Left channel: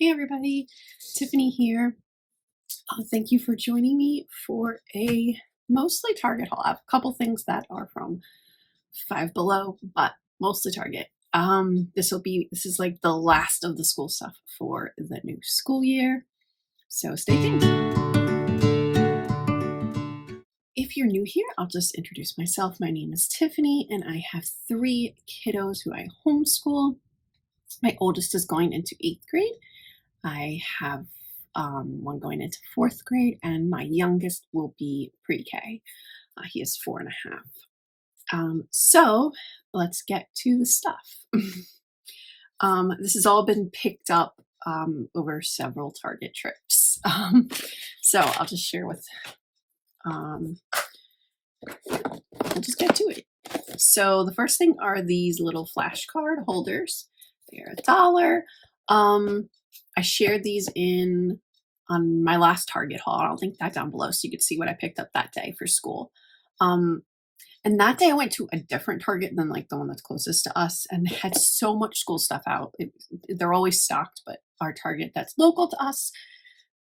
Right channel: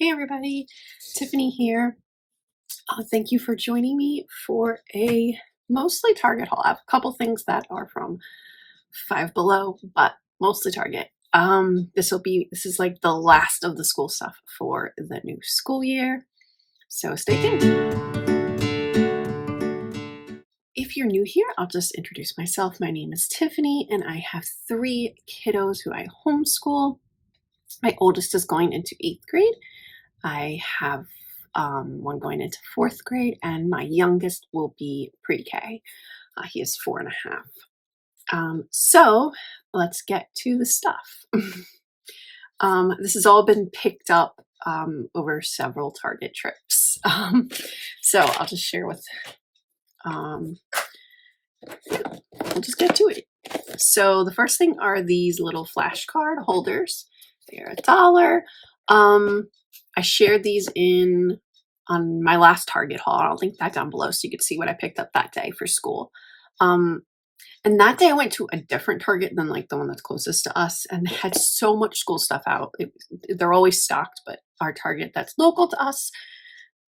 Hey everybody, Tiffany here. Thank you for joining me for a mostly Target haul. I have a couple things that are from Five Below, but mostly Target. This is like the last of the school stuff for the new school year, so stay tuned. If you're new here, I'll just introduce myself. My name is Tiffany, and I have 3 kiddos who I homeschool. My oldest is going into 8th grade. I have one going into 4th grade, and my youngest will be pre-K. He is 4.5. So let's get to the stuff. This has all been picked up over several Target trips. So I'll just share with, we'll just get to it. So the first thing are these little flashcard holders. They're $1. I shared these on my last Target haul. I'll link that down below so you can see what I picked up that day for school. And that day I went to a different Target than like the one that's closest to us, and they had so much school stuff out. They're always stocked, but our Target that's local to us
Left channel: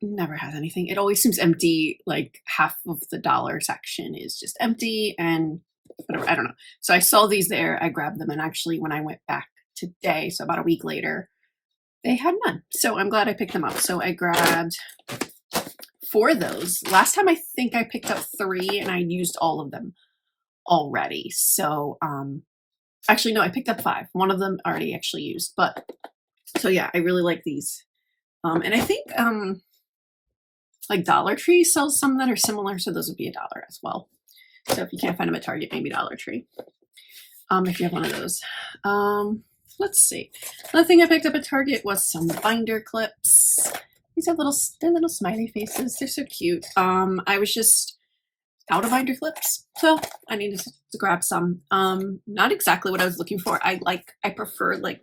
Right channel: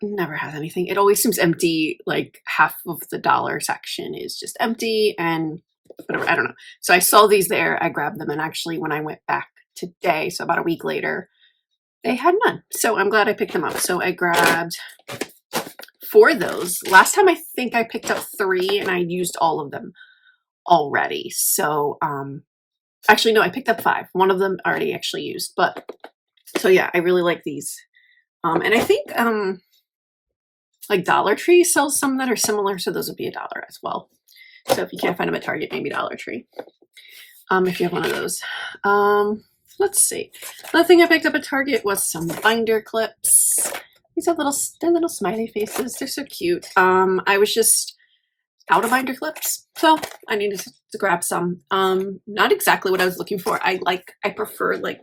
never has anything. It always seems empty. Like half of the dollar section is just empty and whatever. I don't know. So I saw these there. I grabbed them, and actually when I went back today, so about a week later, they had none. So I'm glad I picked them up. So I grabbed 4 of those. Last time I think I picked up 3 and I used all of them already. So actually no, I picked up 5. One of them already actually used. But so yeah, I really like these. And I think like Dollar Tree sells some that are similar, so those would be $1 as well. So if you can't find them at Target, maybe Dollar Tree. If you have one of those. Let's see. Another thing I picked up at Target was some binder clips. These are little smiley faces. They're so cute. I was just out of binder clips, so I needed to grab some. Not exactly what I was looking for. I prefer like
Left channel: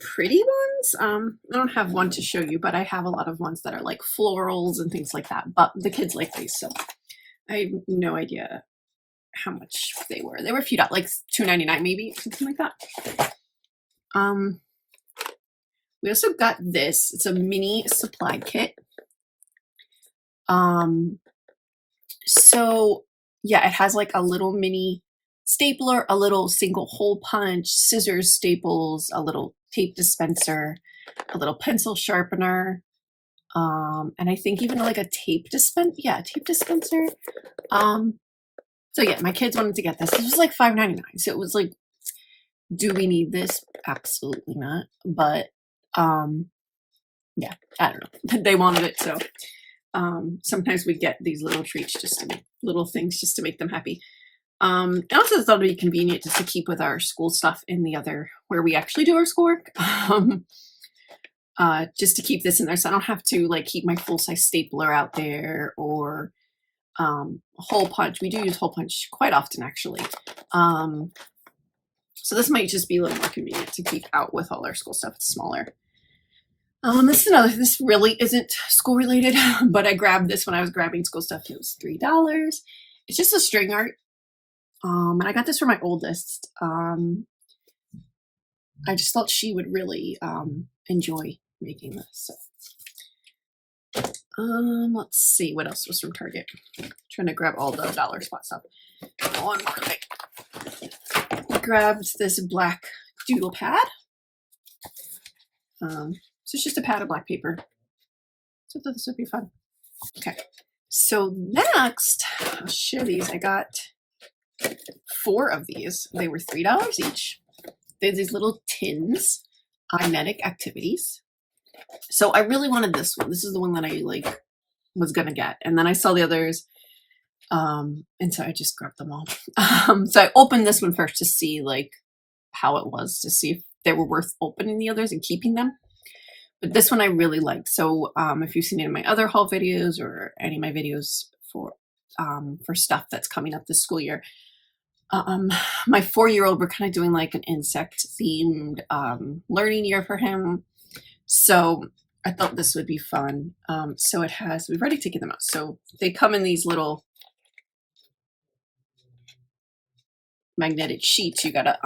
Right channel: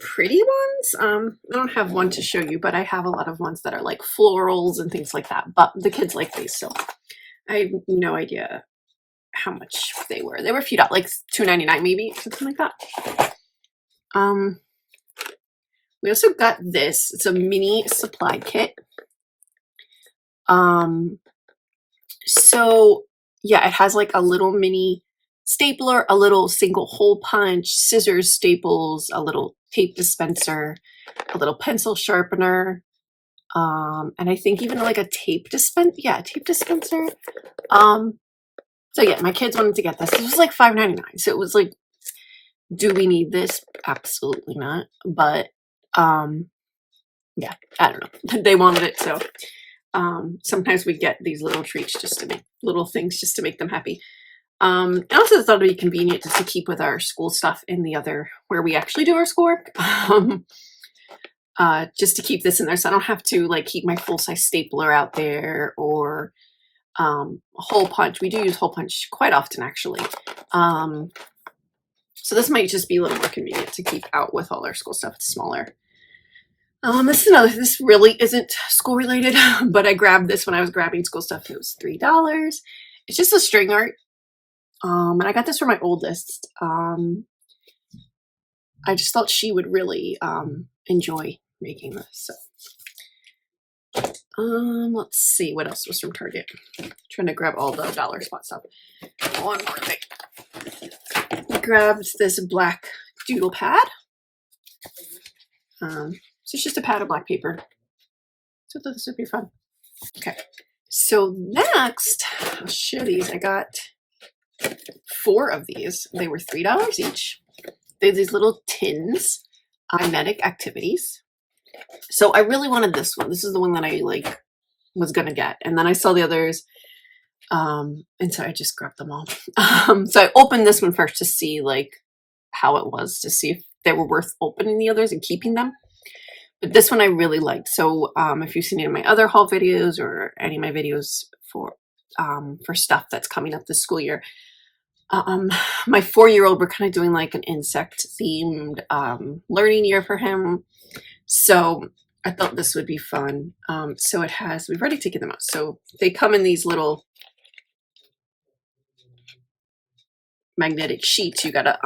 pretty ones. I don't have one to show you, but I have a lot of ones that are like florals and things like that. But the kids like these, so I have no idea how much they were. They were a few dollars, like $2.99 maybe, something like that. We also got this. It's a mini supply kit. So yeah, it has like a little mini stapler, a little single hole punch, scissors, staples, a little tape dispenser, a little pencil sharpener, and I think even like a tape dispenser. Yeah, a tape dispenser. So yeah, my kids wanted to get this. This was like $5.99. So it was like, do we need this? Absolutely not. But yeah, I don't know. They wanted it, so sometimes we get these little treats just to make little things just to make them happy. I also thought it'd be convenient just to keep with our school stuff in the other where we actually do our schoolwork. Just to keep this in there, so I don't have to like keep my full-size stapler out there or hole punch. We do use hole punch quite often, actually. So this might just be a little more convenient to keep out with all our school stuff. It's smaller. This really isn't school related, but I grabbed this when I was grabbing school stuff. It was $3. It's just a string art. And I got this for my oldest. I just thought she would really enjoy making this. So let's see what else was from Target. Trying to grab all the dollar spot stuff. One more thing. I grabbed this black doodle pad. So it's just a pad of black paper. So I thought this would be fun. Okay. So next, I'll show these. I got 4 of these. They were $3 each. They're these little tins, mimetic activities. So I really wanted this one. This is the one that I like was gonna get, and then I saw the others, and so I just grabbed them all. So I opened this one first to see like how it was, to see if they were worth opening the others and keeping them. But this one I really liked. So if you've seen any of my other haul videos or any of my videos for stuff that's coming up this school year, my 4-year-old, we're kind of doing like an insect themed learning year for him. So I thought this would be fun. So it has, we've already taken them out. So they come in these little magnetic sheets. You gotta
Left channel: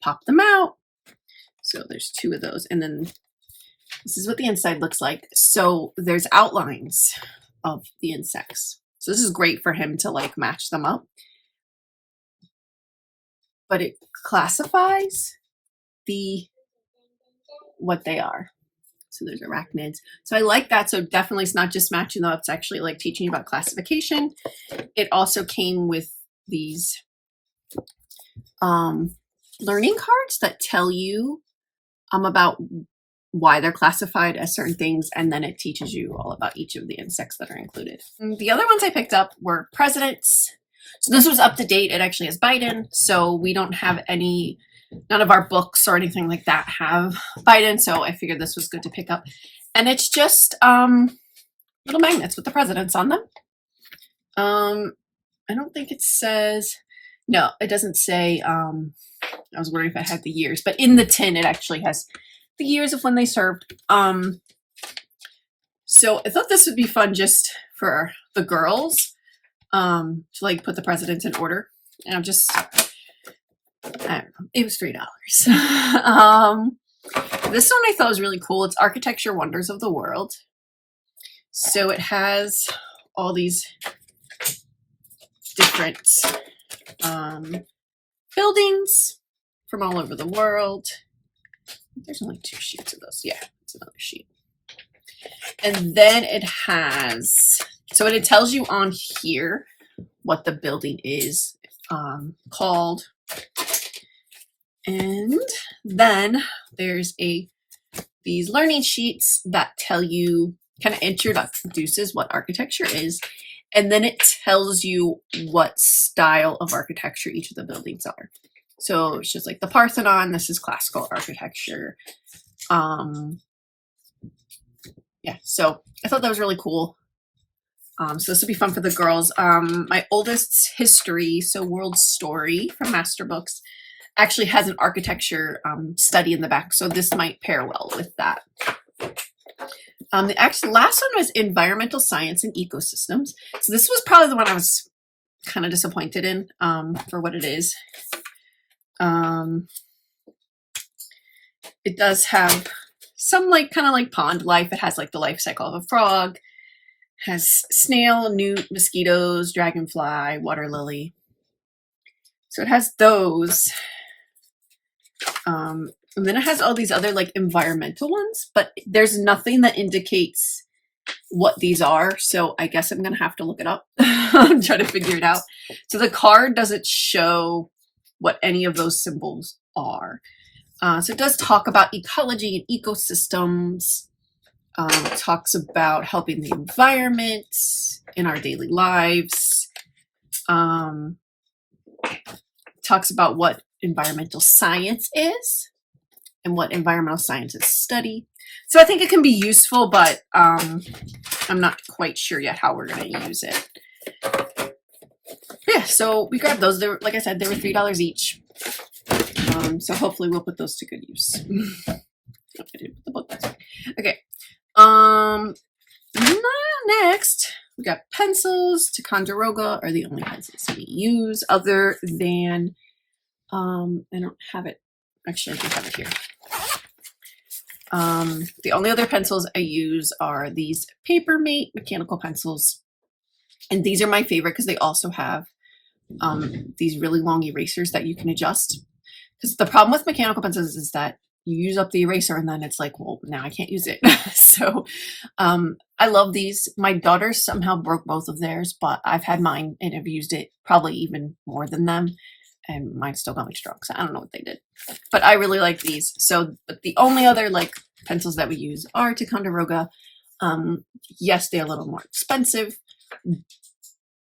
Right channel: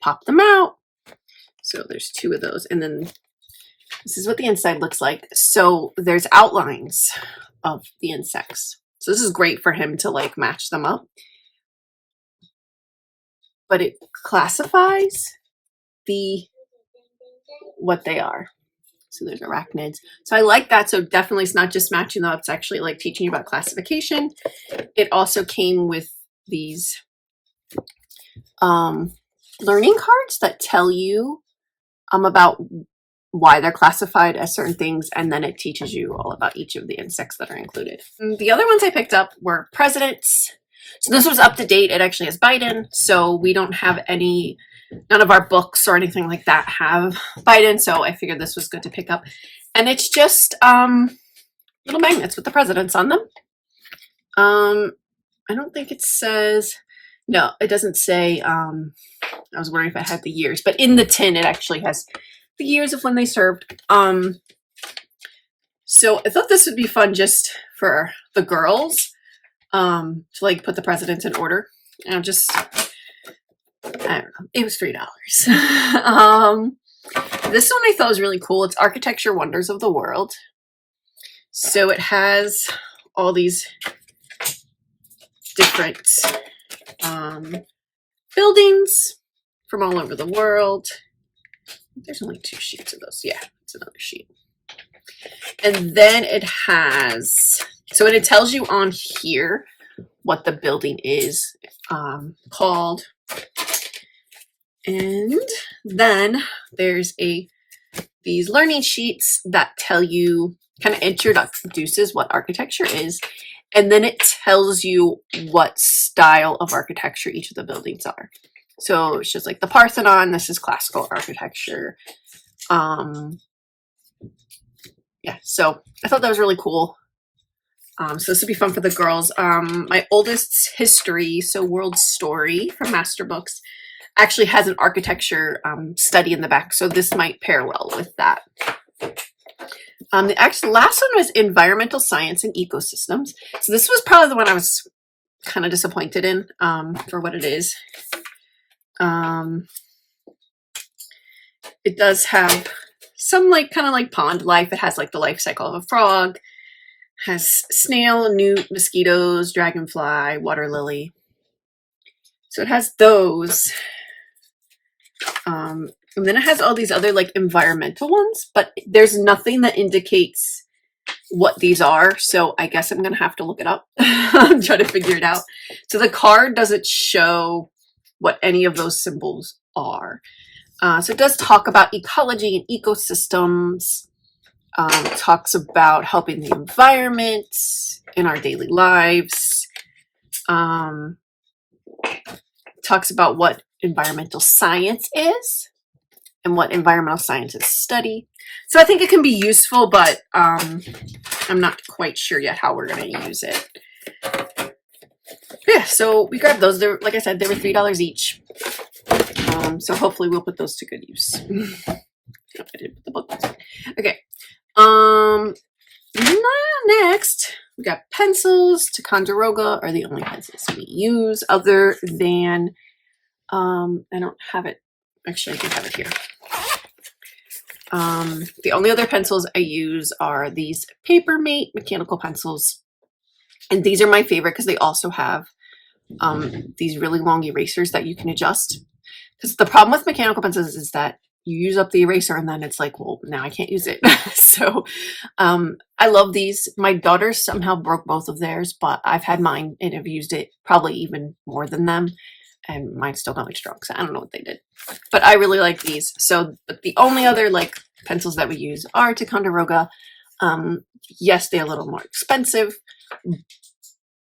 pop them out. So there's 2 of those. And then This is what the inside looks like. So there's outlines of the insects. So this is great for him to like match them up. But it classifies what they are. So there's arachnids. So I like that. So definitely it's not just matching them up. It's actually like teaching you about classification. It also came with these learning cards that tell you about why they're classified as certain things, and then it teaches you all about each of the insects that are included. The other ones I picked up were presidents. So this was up to date. It actually has Biden, so we don't have none of our books or anything like that have Biden, so I figured this was good to pick up. And it's just little magnets with the presidents on them. I don't think it says, no, it doesn't say, I was wondering if I had the years, but in the tin it actually has the years of when they served. So I thought this would be fun just for the girls, to like put the presidents in order. And I don't know, it was $3. This one I thought was really cool. It's Architecture Wonders of the World. So it has all these different buildings from all over the world. There's only 2 sheets of those. Yeah, it's another sheet. And then it has, so it tells you on here what the building is called. And then there's these learning sheets that tell you, kind of introduces what architecture is. And then it tells you what style of architecture each of the buildings are. So it's just like the Parthenon, this is classical architecture. Yeah, so I thought that was really cool. So this would be fun for the girls. My oldest's history, so World Story from Master Books, actually has an architecture study in the back. So this might pair well with that. The last one was Environmental Science and Ecosystems. So this was probably the one I was kind of disappointed in for what it is. It does have some kind of like pond life. It has like the life cycle of a frog, has snail, newt, mosquitoes, dragonfly, water lily. So it has those. And then it has all these other like environmental ones, but there's nothing that indicates what these are. So I guess I'm going to have to look it up and try to figure it out. So the card doesn't show what any of those symbols are. So it does talk about ecology and ecosystems. It talks about helping the environment in our daily lives. Talks about what environmental science is and what environmental scientists study. So I think it can be useful, but I'm not quite sure yet how we're going to use it. Yeah, so we grabbed those. They were, like I said, they were $3 each. So hopefully we'll put those to good use. I didn't put the book. Okay. Next, we got pencils. Ticonderoga are the only pencils we use, other than I don't have it. Actually, I do have it here. The only other pencils I use are these Papermate mechanical pencils. And these are my favorite because they also have these really long erasers that you can adjust. Because the problem with mechanical pencils is that you use up the eraser and then it's like, well, now I can't use it. So I love these. My daughter somehow broke both of theirs, but I've had mine and have used it probably even more than them. And mine's still going strong, so I don't know what they did. But I really like these. So but the only other like pencils that we use are Ticonderoga. Yes, they're a little more expensive,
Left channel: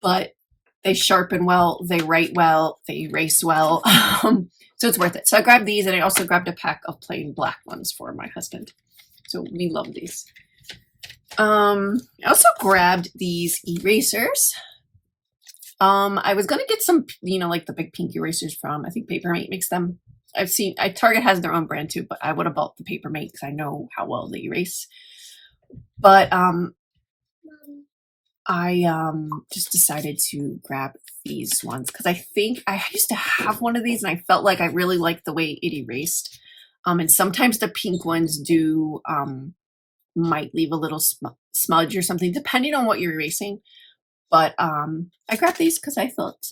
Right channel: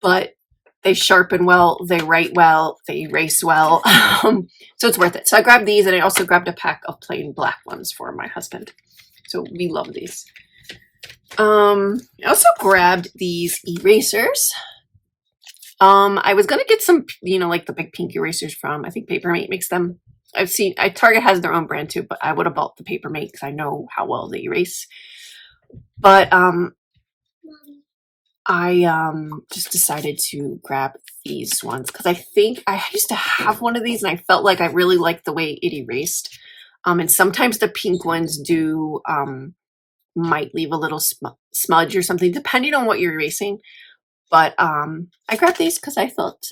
but they sharpen well, they write well, they erase well. So it's worth it. So I grabbed these, and I also grabbed a pack of plain black ones for my husband. So we love these. I also grabbed these erasers. I was going to get some, like the big pink erasers from, I think Papermate makes them. I've seen, Target has their own brand too, but I would have bought the Papermate because I know how well they erase. But I just decided to grab these ones because I think I used to have one of these and I felt like I really liked the way it erased. And sometimes the pink ones do might leave a little smudge or something, depending on what you're erasing. But I grabbed these because I thought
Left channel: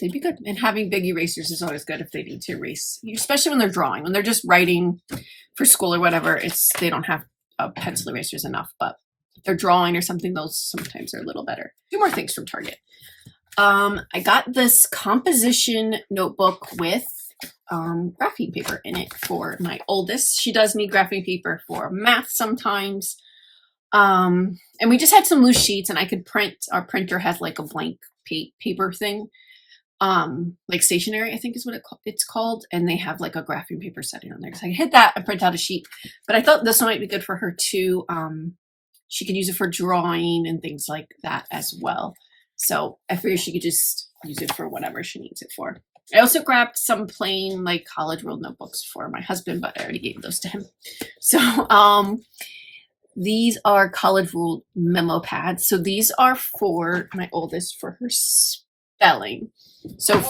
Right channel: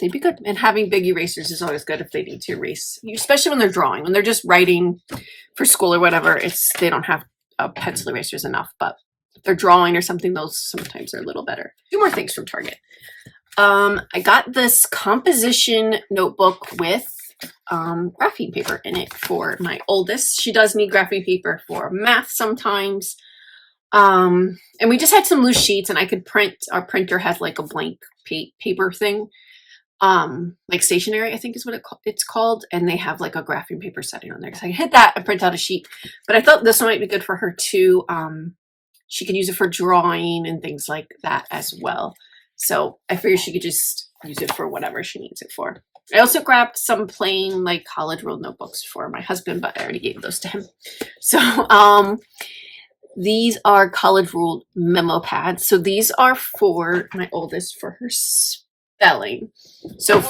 they'd be good. And having big erasers is always good if they need to erase, especially when they're drawing. When they're just writing for school or whatever, they don't have pencil erasers enough. But if they're drawing or something, those sometimes are a little better. 2 more things from Target. I got this composition notebook with graphene paper in it for my oldest. She does need graphene paper for math sometimes. And we just had some loose sheets, and I could print. Our printer has like a blank paper thing, like stationery, I think is what it's called, and they have like a graphene paper setting on there. So I hit that and print out a sheet. But I thought this one might be good for her too. She could use it for drawing and things like that as well. So I figured she could just use it for whatever she needs it for. I also grabbed some plain like college ruled notebooks for my husband, but I already gave those to him. So these are college ruled memo pads. So these are for my oldest for her spelling. So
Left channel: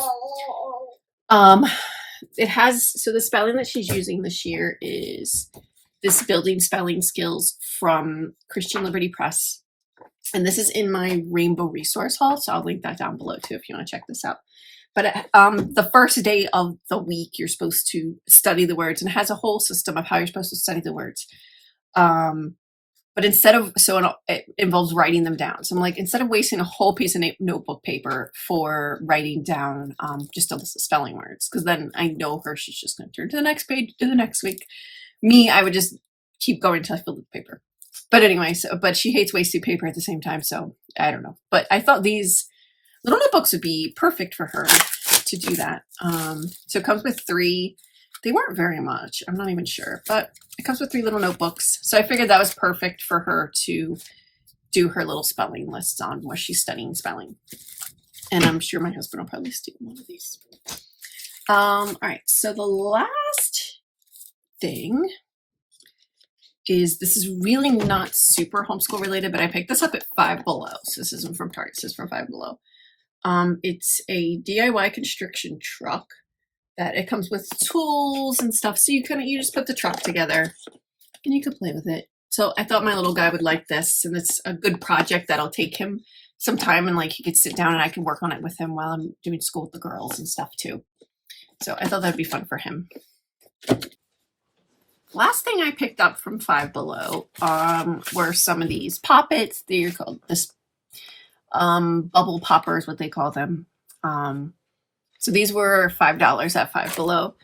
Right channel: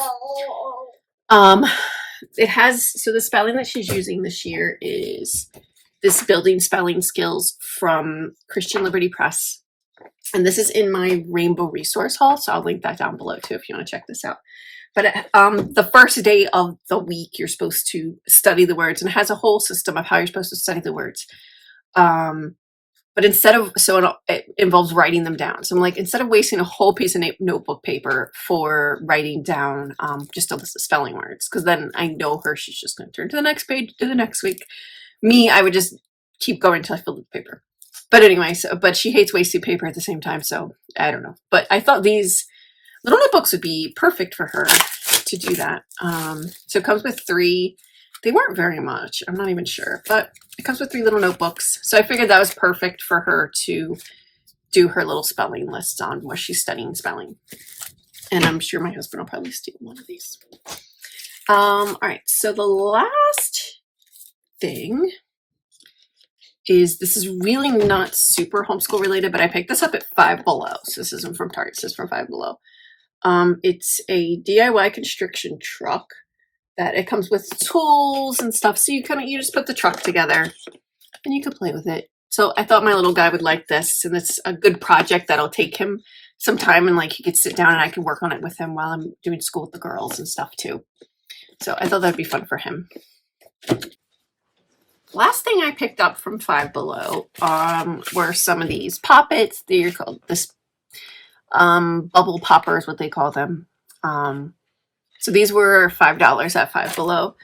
the spelling that she's using this year is this Building Spelling Skills from Christian Liberty Press. And this is in my Rainbow Resource Haul. So I'll link that down below too if you want to check this out. But the first day of the week, you're supposed to study the words, and it has a whole system of how you're supposed to study the words. But it involves writing them down. So I'm like, instead of wasting a whole piece of notebook paper for writing down just a list of spelling words, because then I know her, she's just going to turn to the next page, do the next week. Me, I would just keep going until I filled the paper. But anyway, but she hates wasted paper at the same time, so I don't know. But I thought these little notebooks would be perfect for her to do that. So it comes with 3. They weren't very much. I'm not even sure, but it comes with 3 little notebooks. So I figured that was perfect for her to do her little spelling list on where she's studying spelling. And I'm sure my husband will probably steal one of these. All right. So the last thing is, this is really not super homeschool related, but I picked this up at Five Below. So this isn't from Target. This is from Five Below. It's a DIY construction truck. That it comes with tools and stuff, so you just put the truck together and you can play with it. So I thought my little guy would like this, and it's a good project that'll take him some time, and like he could sit down and I can work on it with him while I'm doing school with the girls and stuff too. So I thought that'd be fun for him. Last thing I picked up from Five Below were some of these poppets. They're called this bubble poppers, what they call them. So these were $5 at Five Below.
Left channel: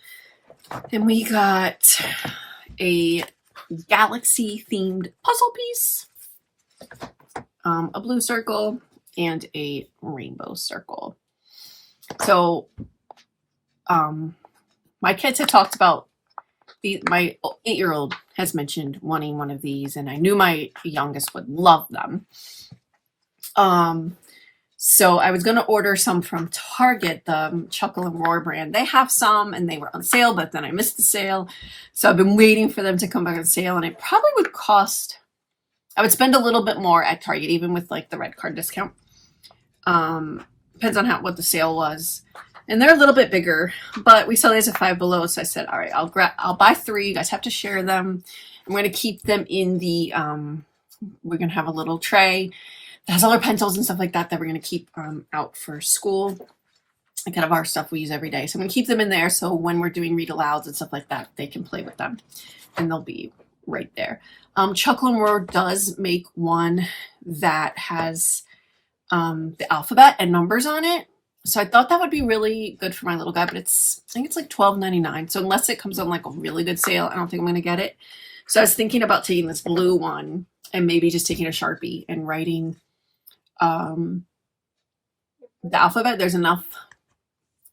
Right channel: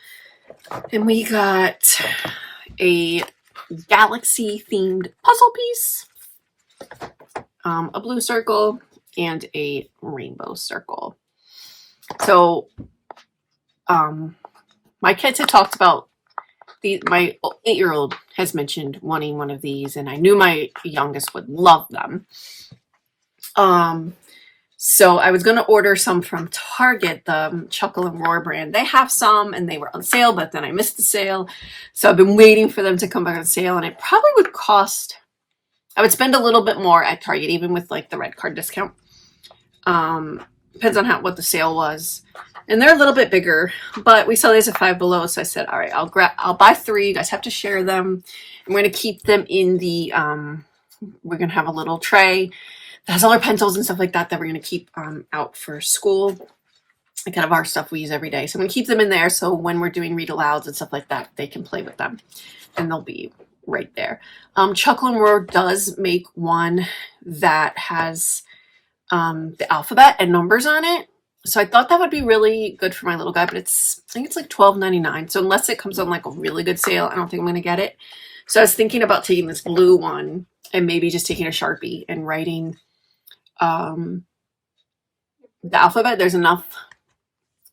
And we got a galaxy themed puzzle piece, a blue circle, and a rainbow circle. So my kids had talked about my 8-year-old has mentioned wanting one of these, and I knew my youngest would love them. So I was going to order some from Target, the Chuckle and Roar brand. They have some, and they were on sale, but then I missed the sale. So I've been waiting for them to come back on sale, and it probably would cost, I would spend a little bit more at Target, even with like the red card discount. Depends on what the sale was. And they're a little bit bigger, but we saw these at Five Below. So I said, all right, I'll buy 3. You guys have to share them. I'm going to keep them in the, we're going to have a little tray that has all our pencils and stuff like that we're going to keep out for school. Like kind of our stuff we use every day. So I'm going to keep them in there, so when we're doing read alouds and stuff like that, they can play with them. And they'll be right there. Chuckle and Roar does make one that has the alphabet and numbers on it. So I thought that would be really good for my little guy, but I think it's like $12.99. So unless it comes on like a really good sale, I don't think I'm going to get it. So I was thinking about taking this blue one and maybe just taking a Sharpie and writing the alphabet. There's enough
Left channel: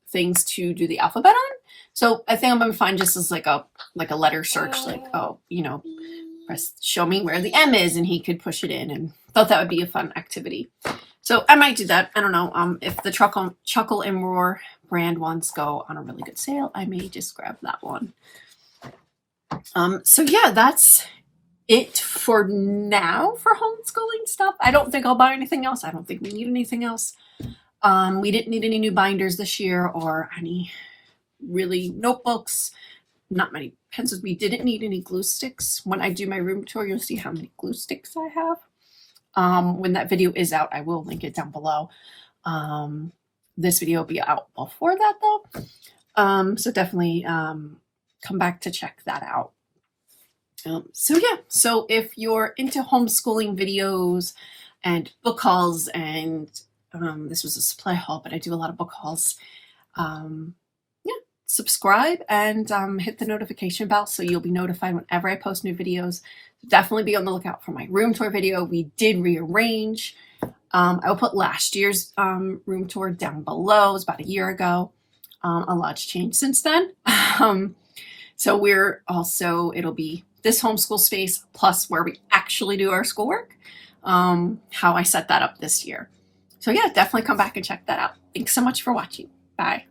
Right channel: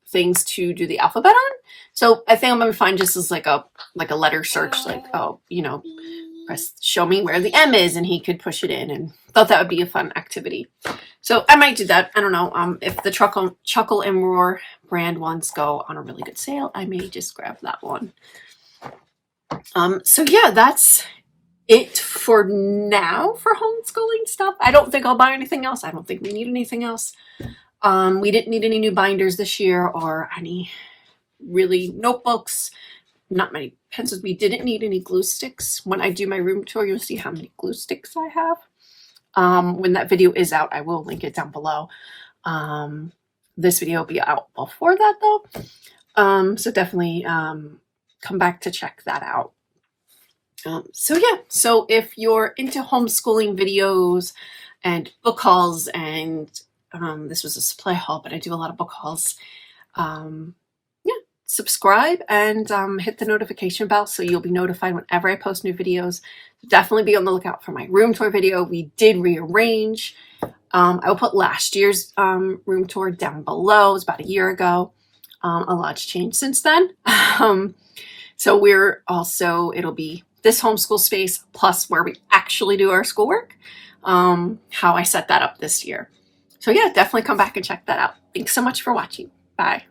things to do the alphabet on. So I think I'm going to find just as like a letter search, like, press show me where the M is, and he could push it in, and thought that would be a fun activity. So I might do that. I don't know. If the Chuckle and Roar brand ones go on a really good sale, I may just grab that one. So yeah, that's it for now for homeschooling stuff. I don't think I'll buy anything else. I don't think we need anything else. We didn't need any new binders this year or any really notebooks. Not many pencils. We didn't need any glue sticks. When I do my room tour, you'll see how many glue sticks I have. When that video is out, I will link it down below. This video will be out before that though. So definitely come back to check that out. So yeah, so if you're into homeschooling videos and book hauls, and this was a supply haul, but I do a lot of book hauls, yeah, subscribe and hit the notification bell so you'll be notified whenever I post new videos. Definitely be on the lookout for my room tour video. We did rearrange. I will put last year's room tour down below. It was about a year ago. A lot's changed since then. So we're also, it'll be this homeschool space plus where we actually do our schoolwork, how I set that up this year. So yeah, definitely come back and check that out. Thanks so much for watching. Bye.